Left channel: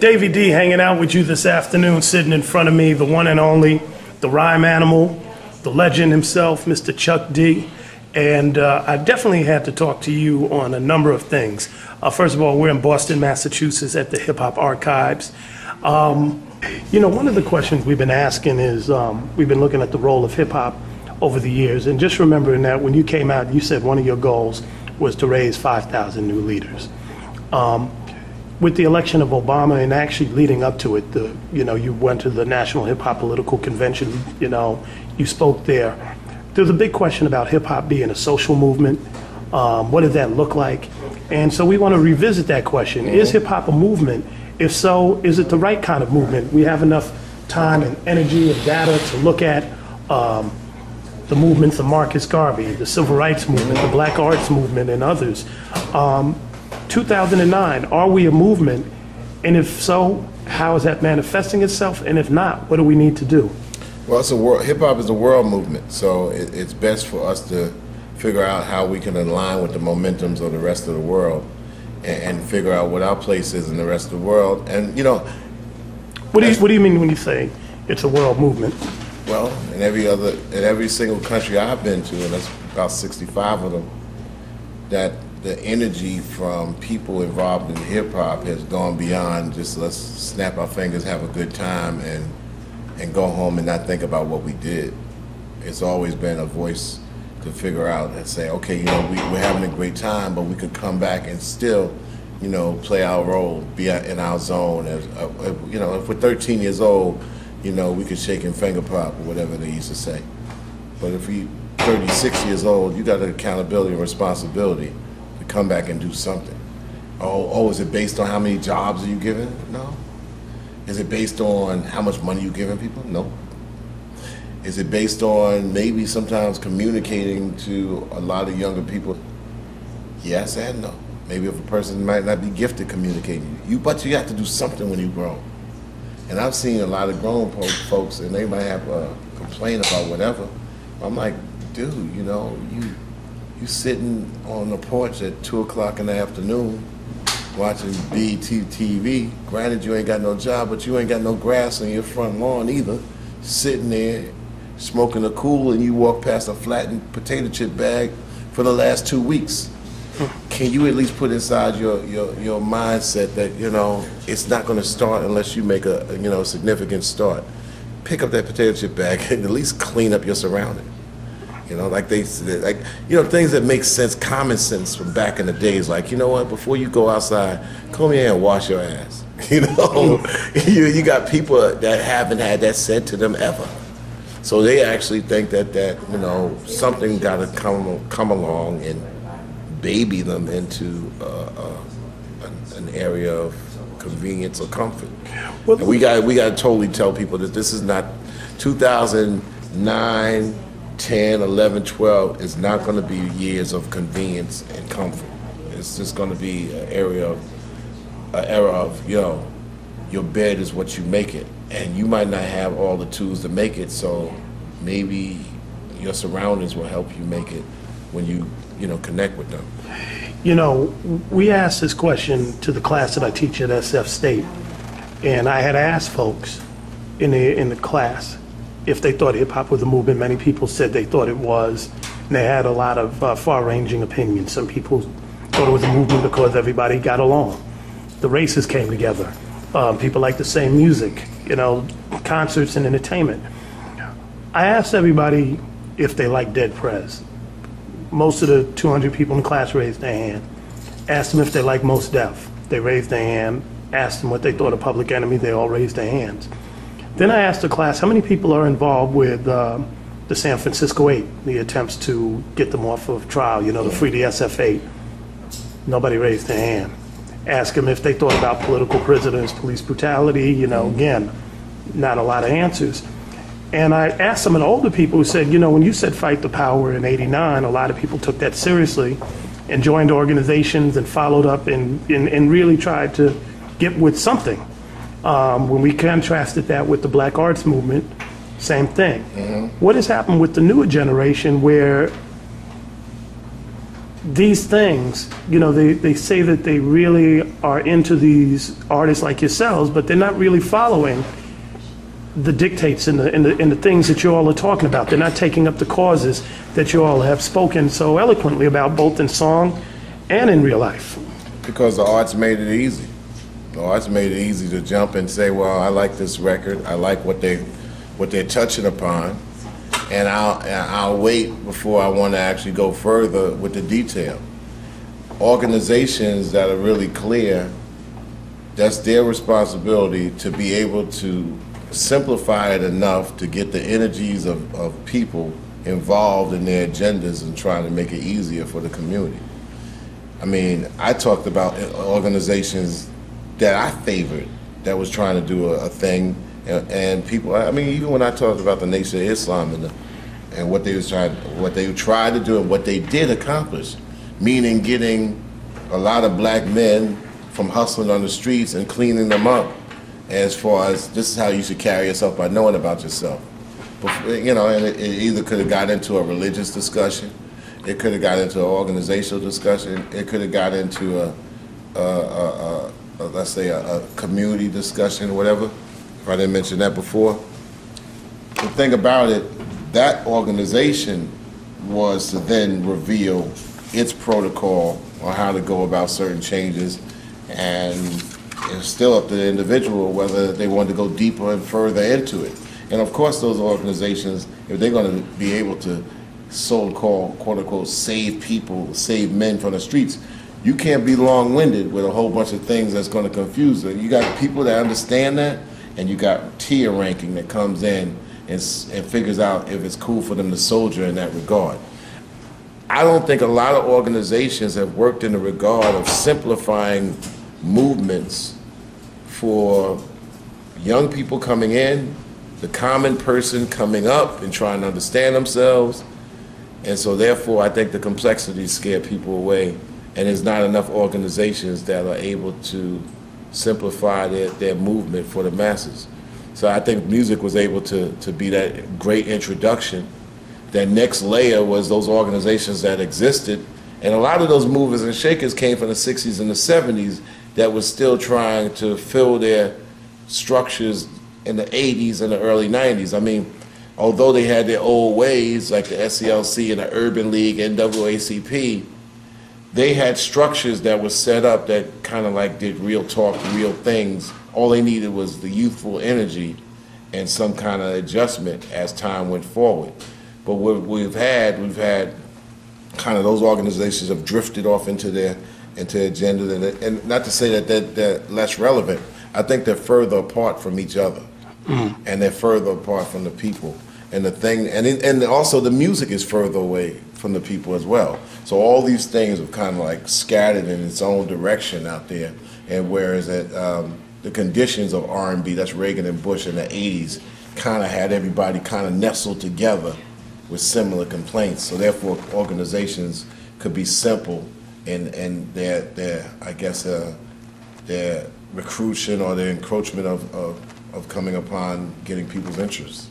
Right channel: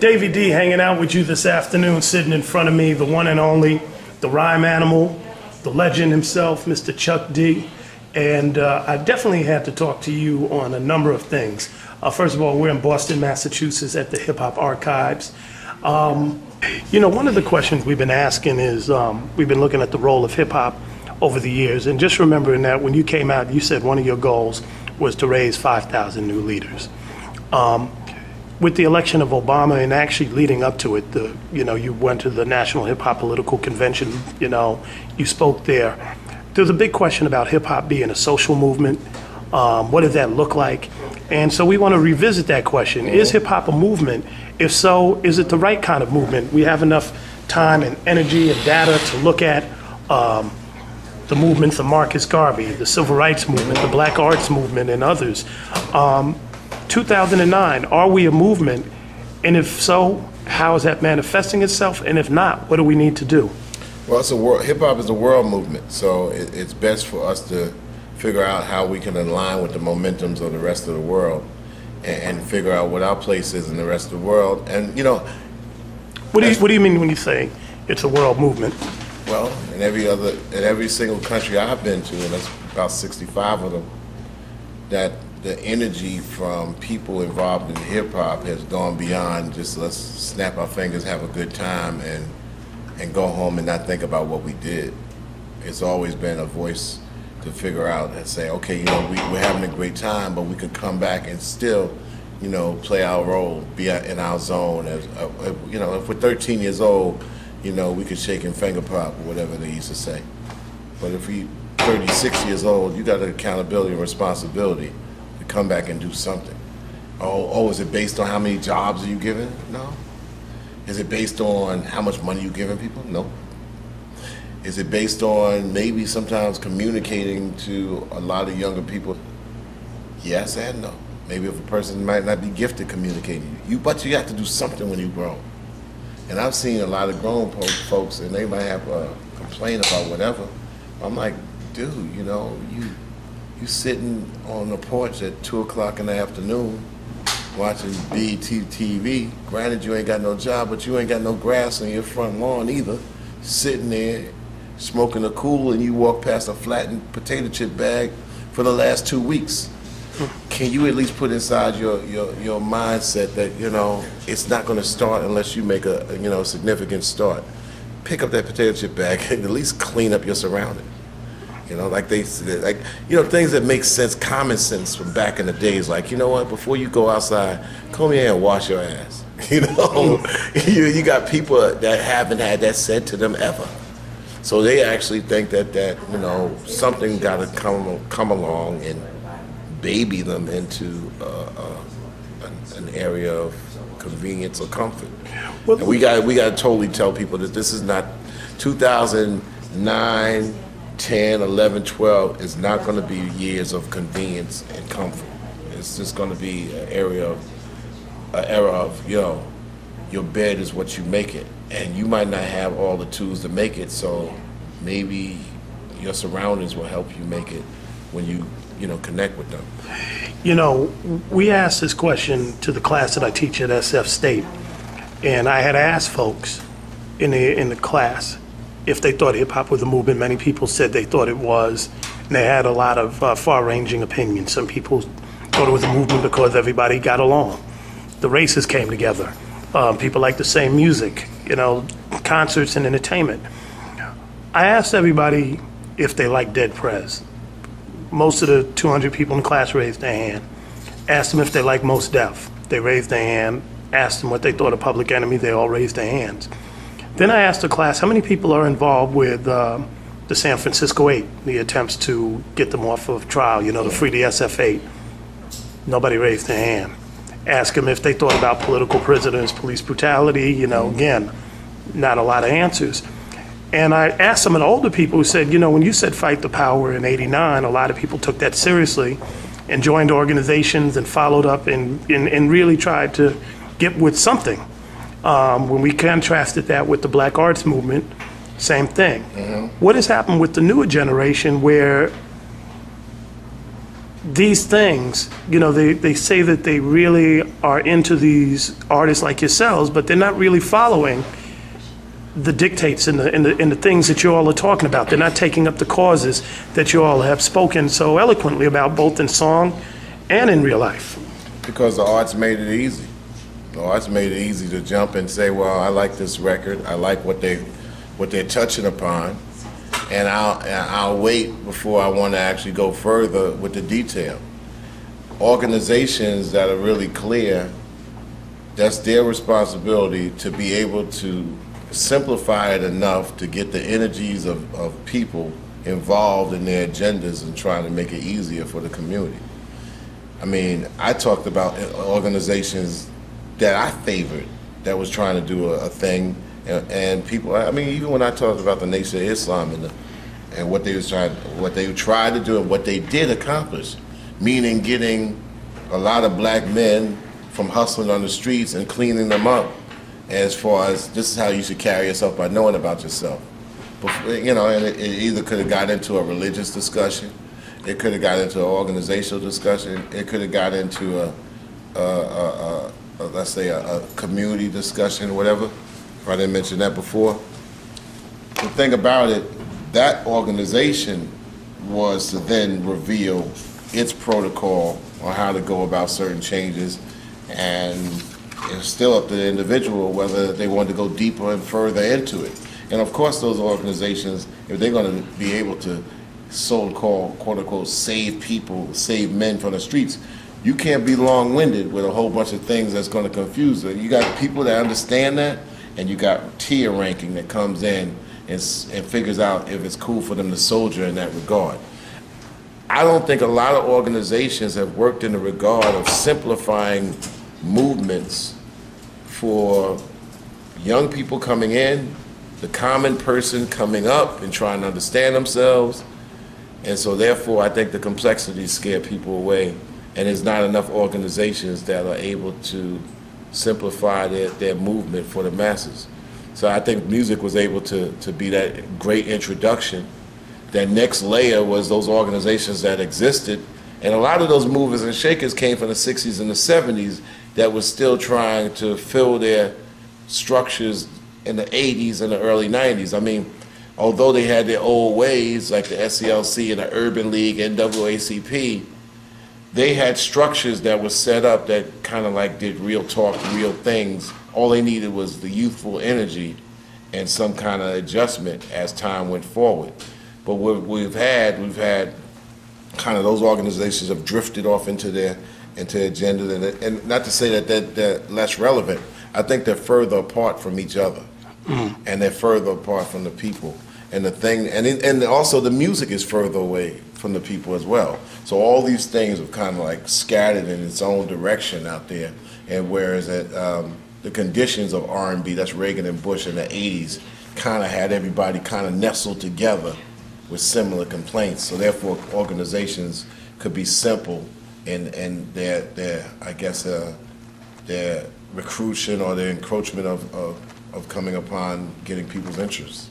Davey D hanging out with you this afternoon, sitting in front of me, the one and only, the rhyme animal, the legend himself, Mr. Chuck D. And I definitely had to talk to you on a number of things. First of all, we're in Boston, Massachusetts at the Hip Hop Archives. You know, one of the questions we've been asking is, we've been looking at the role of hip hop over the years, and just remembering that when you came out, you said one of your goals was to raise 5,000 new leaders. With the election of Obama and actually leading up to it, you went to the National Hip Hop Political Convention, you spoke there. There's a big question about hip hop being a social movement. What does that look like? And so we want to revisit that question. Is hip hop a movement? If so, is it the right kind of movement? We have enough time and energy and data to look at the movements of Marcus Garvey, the Civil Rights Movement, the Black Arts Movement, and others. 2009, are we a movement? And if so, how is that manifesting itself? And if not, what do we need to do? Well, it's a world. Hip hop is a world movement, so it's best for us to figure out how we can align with the momentums of the rest of the world, and figure out what our place is in the rest of the world. And what do you mean when you say it's a world movement? Well, in every single country I've been to, and that's about 65 of them, that the energy from people involved in hip hop has gone beyond just let's snap our fingers, have a good time, and go home and not think about what we did. It's always been a voice to figure out and say, okay, we're having a great time, but we could come back and still, play our role, be in our zone. As if we're 13 years old, we could shake and finger pop or whatever they used to say. But if we 36 years old, you got an accountability and responsibility to come back and do something. Oh, is it based on how many jobs are you giving? No. Is it based on how much money you're giving people? No. Is it based on maybe sometimes communicating to a lot of younger people? Yes and no. Maybe if a person might not be gifted communicating, but you have to do something when you grow. And I've seen a lot of grown folks, and they might have a complaint about whatever. I'm like, dude, you sitting on the porch at 2 o'clock in the afternoon watching BET TV. Granted, you ain't got no job, but you ain't got no grass on your front lawn either. Sitting there smoking a cool, and you walk past a flattened potato chip bag for the last 2 weeks. Can you at least put inside your mindset that it's not going to start unless you make a significant start? Pick up that potato chip bag and at least clean up your surroundings. Things that make sense, common sense from back in the days. Like, before you go outside, come here and wash your ass. You got people that haven't had that said to them ever. So they actually think that something got to come along and baby them into an area of convenience or comfort. Well, and we got to totally tell people that this is not 2009, 10, 11, 12 is not going to be years of convenience and comfort. It's just going to be an era of your bed is what you make it, and you might not have all the tools to make it. So maybe your surroundings will help you make it when you connect with them. We asked this question to the class that I teach at SF State, and I had asked folks in the class if they thought hip hop was a movement. Many people said they thought it was, and they had a lot of far-ranging opinions. Some people thought it was a movement because everybody got along. The races came together. People like the same music, concerts and entertainment. I asked everybody if they liked Dead Prez. Most of the 200 people in the class raised their hand. Asked them if they liked Mos Def. They raised their hand. Asked them what they thought of Public Enemy. They all raised their hands. Then I asked the class, how many people are involved with the San Francisco 8, the attempts to get them off of trial, to free the SF8? Nobody raised their hand. Ask them if they thought about political prisoners, police brutality, again, not a lot of answers. And I asked some of the older people who said, when you said fight the power in '89, a lot of people took that seriously and joined organizations and followed up and really tried to get with something. When we contrasted that with the Black Arts Movement, same thing. What has happened with the newer generation where these things, you know, they say that they really are into these artists like yourselves, but they're not really following the dictates and the things that you all are talking about. They're not taking up the causes that you all have spoken so eloquently about, both in song and in real life. Because the arts made it easy. The arts made it easy to jump and say, well, I like this record, I like what they're touching upon, and I'll wait before I want to actually go further with the detail. Organizations that are really clear, that's their responsibility to be able to simplify it enough to get the energies of people involved in their agendas and trying to make it easier for the community. I mean, I talked about organizations that I favored that was trying to do a thing, and people, I mean, even when I talked about the Nation of Islam and what they tried to do and what they did accomplish, meaning getting a lot of black men from hustling on the streets and cleaning them up, as far as this is how you should carry yourself by knowing about yourself. You know, and it either could have got into a religious discussion, it could have got into an organizational discussion, it could have got into let's say a community discussion or whatever, if I didn't mention that before. The thing about it, that organization was to then reveal its protocol on how to go about certain changes, and it's still up to the individual whether they want to go deeper and further into it. And of course those organizations, if they're going to be able to so-called, quote-unquote, save people, save men from the streets, you can't be long-winded with a whole bunch of things that's going to confuse them. You got people that understand that, and you got tier ranking that comes in and figures out if it's cool for them to soldier in that regard. I don't think a lot of organizations have worked in the regard of simplifying movements for young people coming in, the common person coming up and trying to understand themselves. And so therefore I think the complexities scare people away, and there's not enough organizations that are able to simplify their movement for the masses. So I think music was able to be that great introduction. That next layer was those organizations that existed, and a lot of those movers and shakers came from the 60s and the 70s that was still trying to fill their structures in the 80s and the early 90s. I mean, although they had their old ways, like the SCLC and the Urban League, NAACP, they had structures that were set up that kind of like did real talk, real things. All they needed was the youthful energy and some kind of adjustment as time went forward. But what we've had kind of those organizations have drifted off into agenda, and not to say that they're less relevant. I think they're further apart from each other, and they're further apart from the people. And and also the music is further away from the people as well. So all these things are kind of like scattered in its own direction out there. And whereas the conditions of R&B, that's Reagan and Bush in the 80s, kind of had everybody kind of nestled together with similar complaints. So therefore organizations could be simple in their I guess their recruitment or their encroachment of coming upon getting people's interests.